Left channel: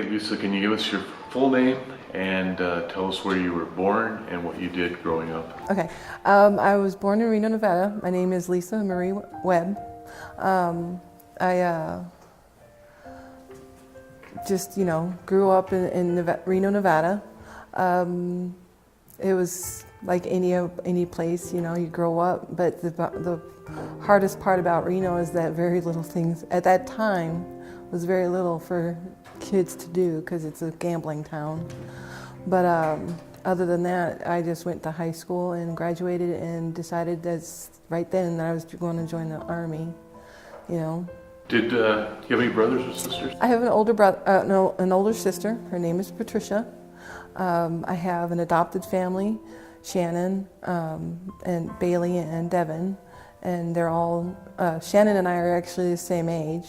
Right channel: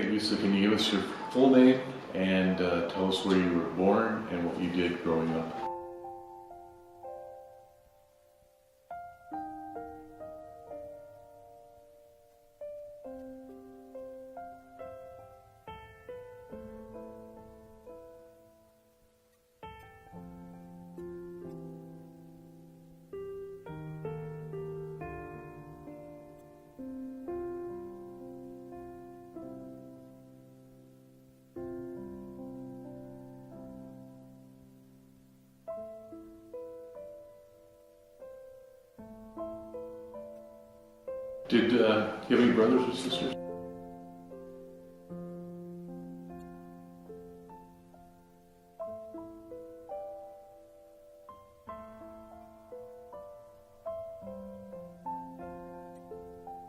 Okay, Lisa, can you give us your full name and tell us where you were born and what you did growing up? Okay. I was born in Reno, Nevada. My name is Lisa Marie Webb. I just, grew up in Reno, Nevada. It was like any place, you grow up. But the hardest part about Reno is that very little things at that time was very little for kids to do because it's a gambling town. But other than that, I just went to high school and graduated and decided right then that I was going to join the Army, Did you have any brothers or sisters? I have an older brother, an older sister. Her name is Patricia. I have an adopted family, Shannon, and Bailey and Devin, and they're all, Shannon and I are actually the same age.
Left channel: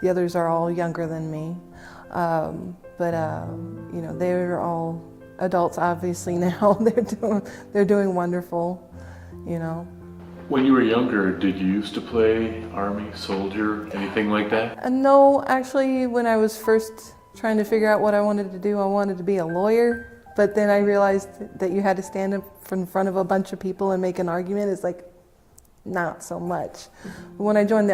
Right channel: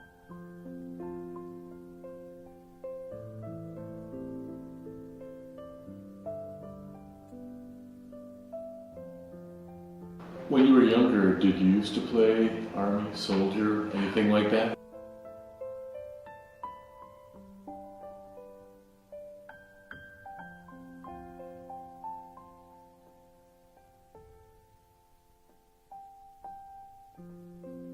The others are all younger than me. They're all adults obviously now. They're doing wonderful, When you were younger, did you used to play Army, soldier, anything like that? No, actually, when I was first trying to figure out what I wanted to do, I wanted to be a lawyer. But then I realized that you had to stand up in front of a bunch of people and make an argument. It's like, not so much. When I joined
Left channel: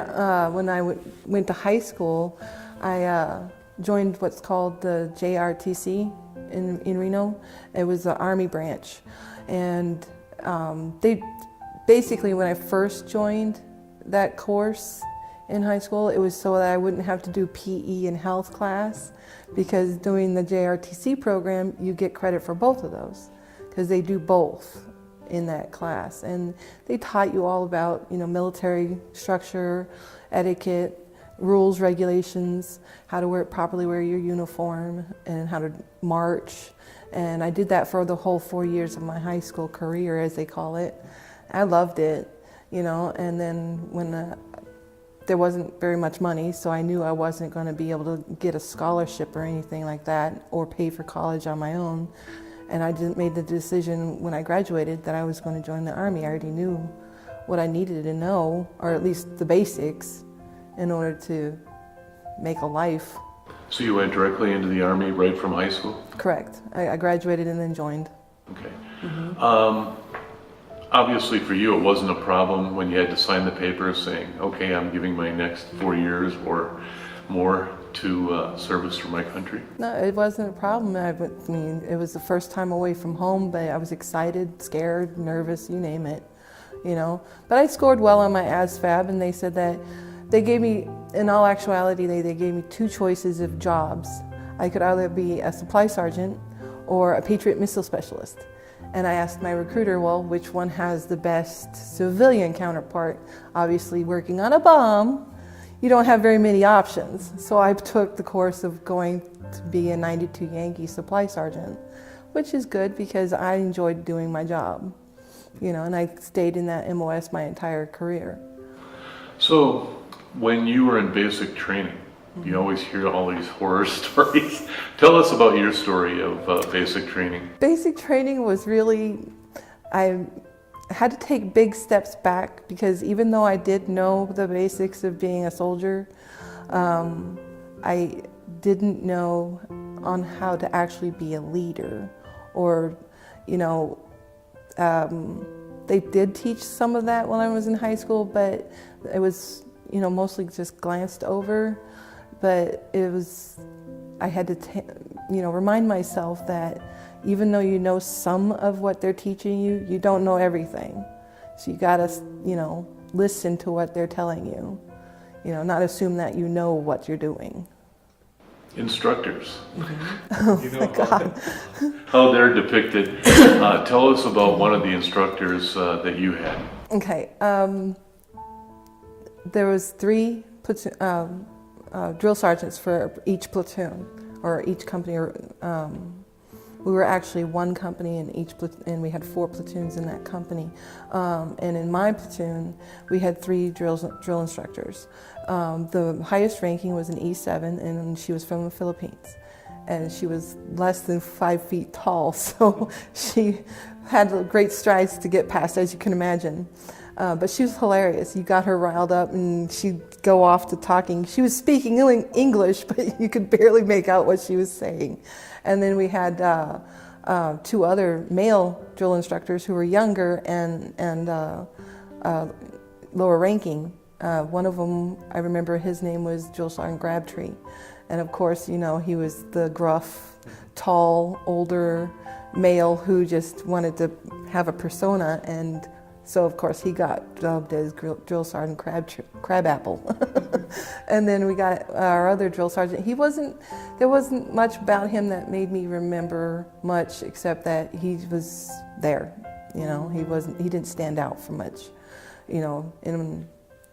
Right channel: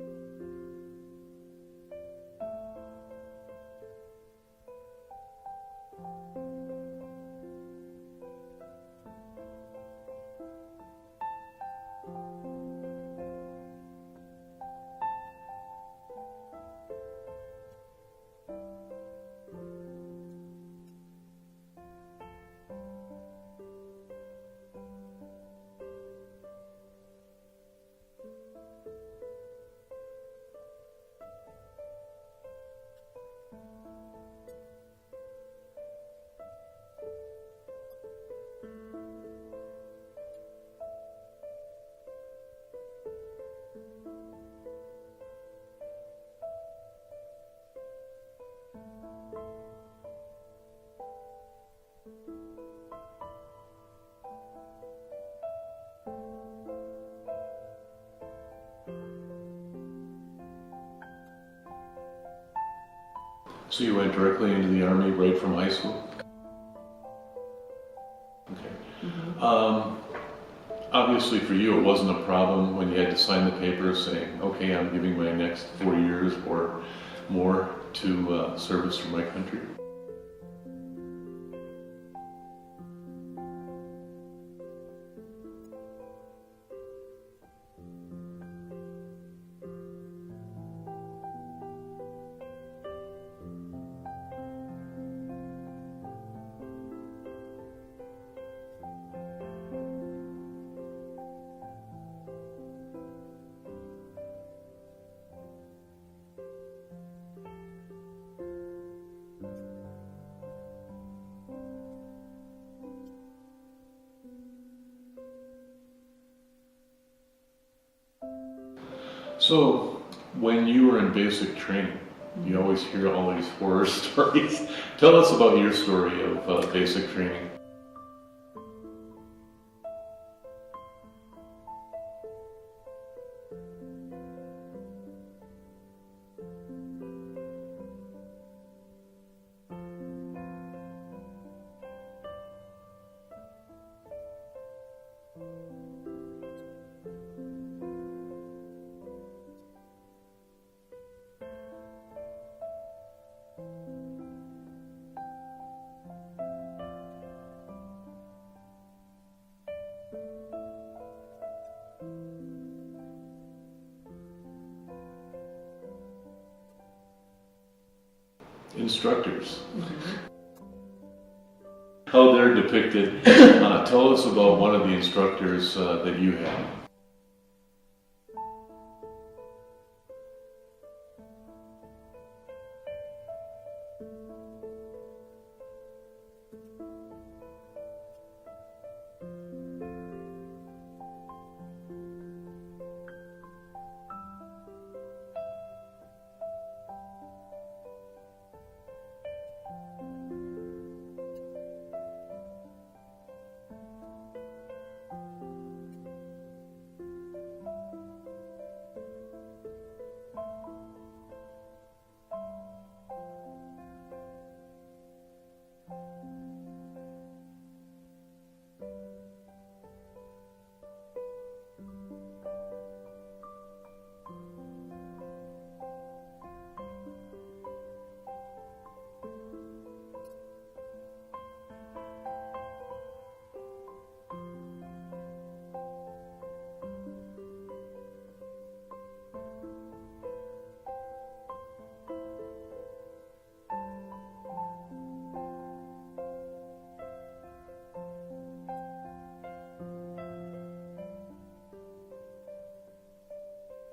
went to high school, I joined what's called the JRTC in Reno. It was the Army branch. And they basically, when I first joined that course in high school, it was so that I wouldn't have to do PE and health class, because doing the JRTC program, you get credit for both of those, because they do both in that class. And they taught you all about, military structure, etiquette, rules, regulations, how to properly wear your uniform, and how to march. And I did that for the whole 4 years of my high school career, as they call it. I loved it, and then when there wasn't very much money, so I knew I wasn't going to be able to get a scholarship or anything like that, or pay for college on my own. And I made the decision when I graduated that I was going to join the Army. I already knew what I needed to know, or at least the basics, in order to make a life. So you went directly into the Army right from high school? Correct. I graduated and then joined. Okay. Mm-hmm. Obviously for you it wasn't a problem when you had to sign the papers saying, okay, I'm giving my next 4 years or more to service for my country? No, it wasn't a problem. I mean, it was the first time away from home, but I was excited, scared, nervous, you name it, But I scored well on my ASVAB, and they said that they gave me, in all actuality, they gave me 2 choices of jobs. I could either be a supply sergeant or a Patriot missile specialist. And I asked my recruiter, well, which one has the best civilian counterpart? Obviously, working on a bomb, you don't have very many options. So I took the course of going to be a 92 Yankee supply sergeant, which is good because I enjoyed doing my job, and I stayed in that MOS my entire career. So when you were in basic training, you always hear all these horror stories. Tell us about your story of basic training. Basic training was really, I had to take big steps back, because even though I did know the basics of being a soldier, I didn't know on how to actually be a leader, or, they did teach some of that when I was in high school, but it was, mostly just glanced over. But I had to, remind myself that even though you know some of what they're teaching you, you don't know everything. So you gotta, listen to what they're telling you, not assume that you know what you're doing. Instructors. Oh my God. How they're depicted. Tell us about one of the instructors that you had. Okay. There was 3 drill sergeants for each platoon, or each company. We were actually one company in each platoon, and we had 4 platoons in that company. And in my platoon, we had 3 drill instructors. The highest ranking was an E7, and she was from the Philippines. And she was less than 5 feet tall, so she had great strides to get past, as you can imagine. But she was hilarious. You got her riled up and she'd go off to talking. She was speaking English, but you could barely make out what she was saying. And then we had two other male drill instructors who were younger and lower ranking. One of them, I remember his name was Drill Sergeant Crabtree. And of course, you know, he was the gruff, tall, older male who just wanted to have a persona, and so of course he got dubbed as Drill Sergeant Crabapple. And then we got our other drill sergeant. There wasn't much about him that made me remember much, except that he was there. You know, he didn't stand out for much, you know, in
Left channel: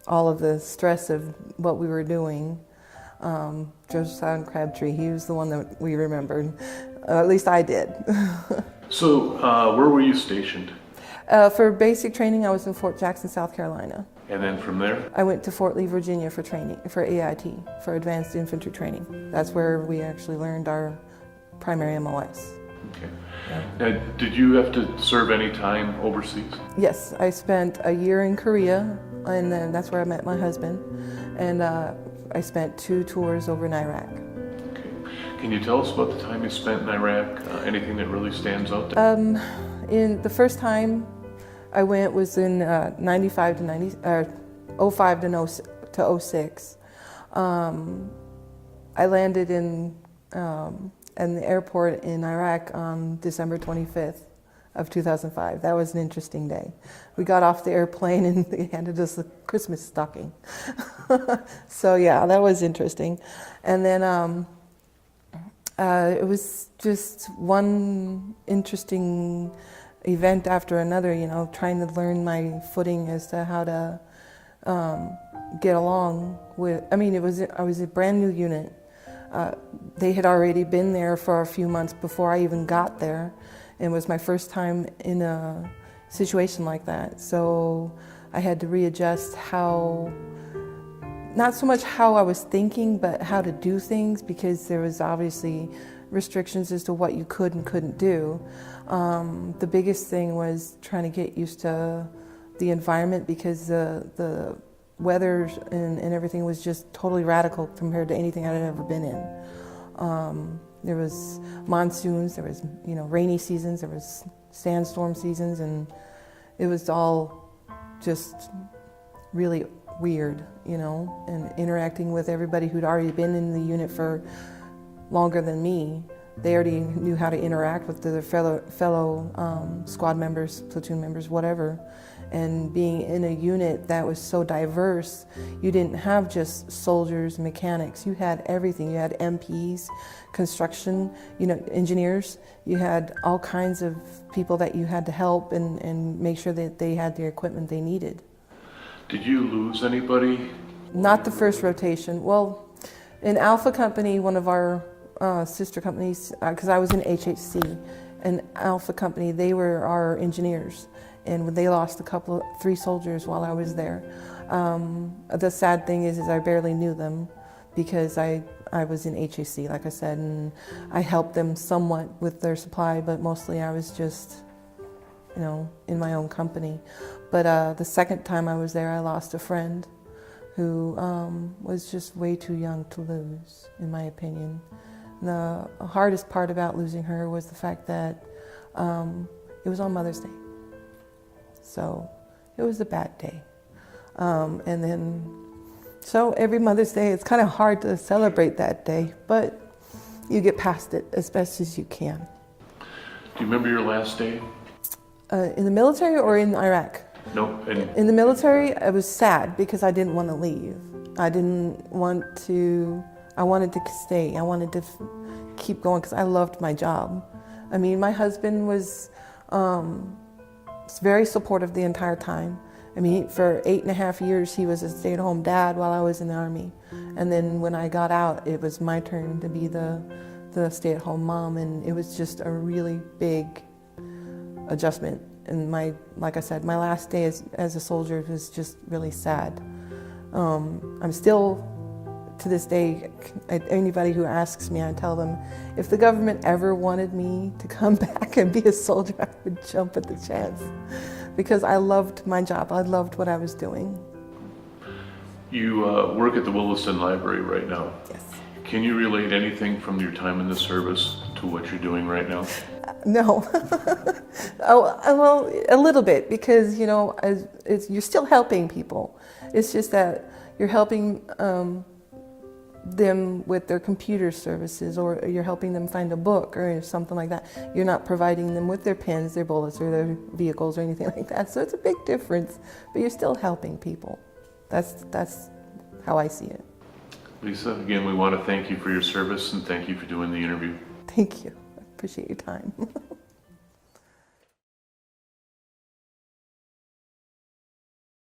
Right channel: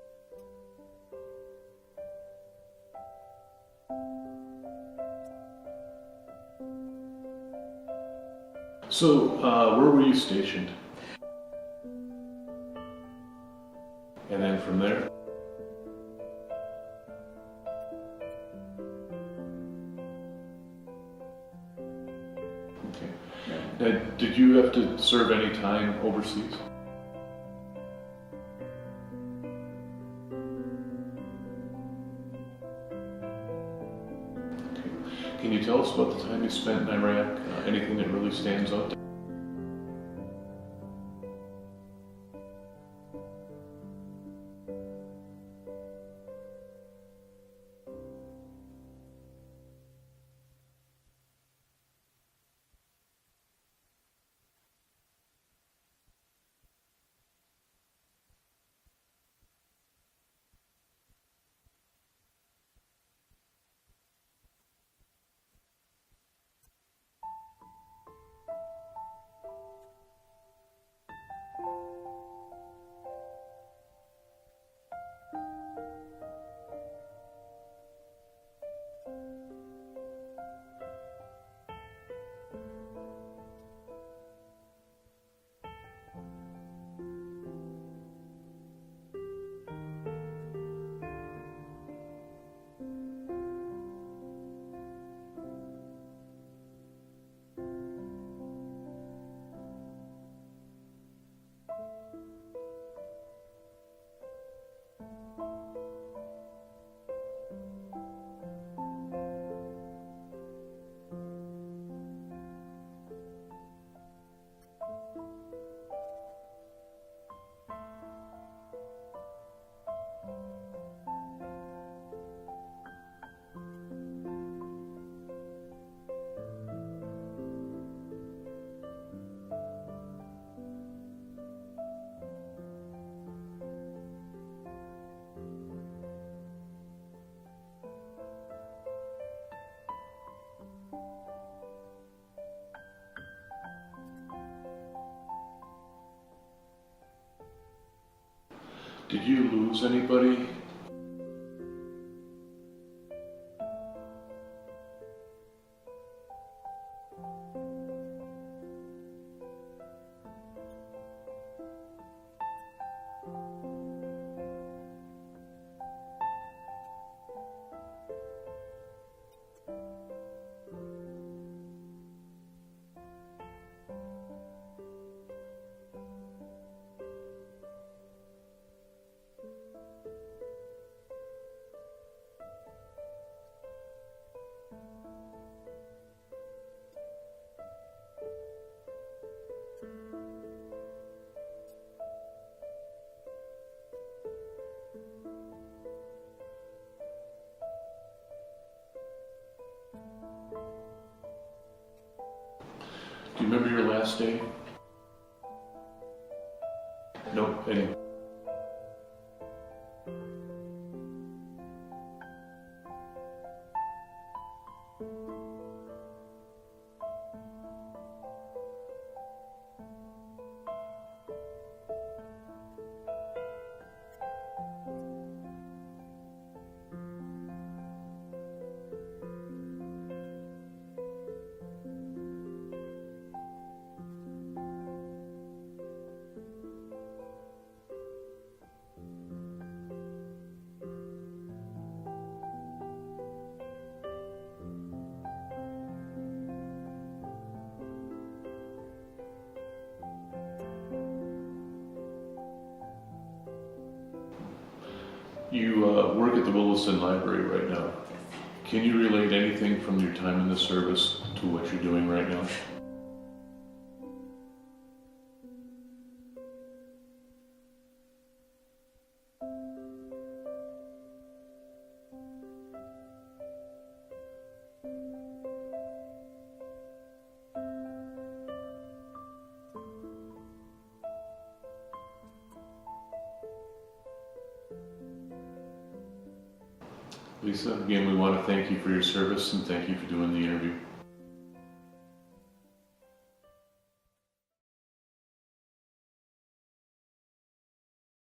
all of the stress of what we were doing. Drill Sergeant Crabtree, he was the one that we remembered. At least I did. So, where were you stationed? For basic training, I was in Fort Jackson, South Carolina. And then from there? I went to Fort Lee, Virginia for training, for AIT, for Advanced Infantry Training. That's where we actually learned our primary MOS. Okay. Now, did you have to serve any time overseas? Yes, I spent a year in Korea, and then that's where I met my husband. And I spent 2 tours over in Iraq. Okay. Can you tell us about the time you spent in Iraq? Anything that really stands out there? In the first time I went was in 95 to 90, 05 to 06. I landed in the airport in Iraq on December 25th of 2005. That was an interesting day. We got off the airplane and they handed us a Christmas stocking. So yeah, that was interesting. And then it was just one interesting event after another, you know, trying to learn my footing as to how to get along with, I mean, I was a brand new unit. They had already been there for a few months before I even got there. It was my first time in a situation like that. So I had to readjust how, not so much how I was thinking, but how to do things, because there was obviously restrictions as to what you could and couldn't do. The biggest thing was trying to get used to the environment, because the weather and everything was just totally radical compared to anything I'd ever been in. There was monsoons, there was, you know, rainy seasons, there was sandstorm seasons, and it was all just really weird, you know, and interacting with everybody who'd already been in the unit for longer than me. They already knew how to interact with their fellow squad members, platoon members, whatever. And being in a unit that was so diverse, you didn't have just soldiers, mechanics. You had everything. You had MPs, construction, you know, engineers. You had all kinds of people that you had to help and make sure that they had the equipment they needed. Did you lose anybody? Not the first rotation. Well, in Alpha Company, one of our sister companies, because I was in HHC, and Alpha Company, they were our engineers, and they lost 3 soldiers while I was there. The sad thing is I barely knew them, because I was in HHC, like I said, and I helped them somewhat with their supply, but mostly I was just, you know, in my own company. But the second time I was there, I lost a friend who was just way too young to lose, in my opinion. The hardest part about losing her was the fact that it was on Mother's Day. So it was a bad day. And then, so every Mother's Day, it's kind of hard to celebrate that day, but you get past it as best as you can. Do you remember your last day? In the military or in Iraq? No. In the military, I was sad because I didn't want to leave. I wanted to stay. I wanted to keep going because I loved my job. I mean, my husband was very supportive the entire time. I mean, for 8.5 years, he was a stay-at-home dad while I was in the Army. And then when I got out, it was my turn to be the stay-at-home mom, and it was just a really big adjustment. And like I said, my last day as a soldier was just really sad. I'm still, to this day, anybody who asks me, I tell them, if the government ever wanted me to come back and be a soldier, I would jump at the chance. because I loved my job. I loved what I was doing. You work at the Williston Library right now. Yes. Can you relate anything from your time in the service to what you're doing right now? No. Oh, well, a little bit, because, you know, you're still helping people. It's just that you're helping them with their computer services, or you're helping them find a book or something like that. You're not providing them with their pens, their bullets, or their vehicles or anything like that. So it's a big difference, but you're still helping people. That's how I see it. Lisa, again, we want to thank you for your service and thank you for doing the interview. Thank you. I appreciate your time.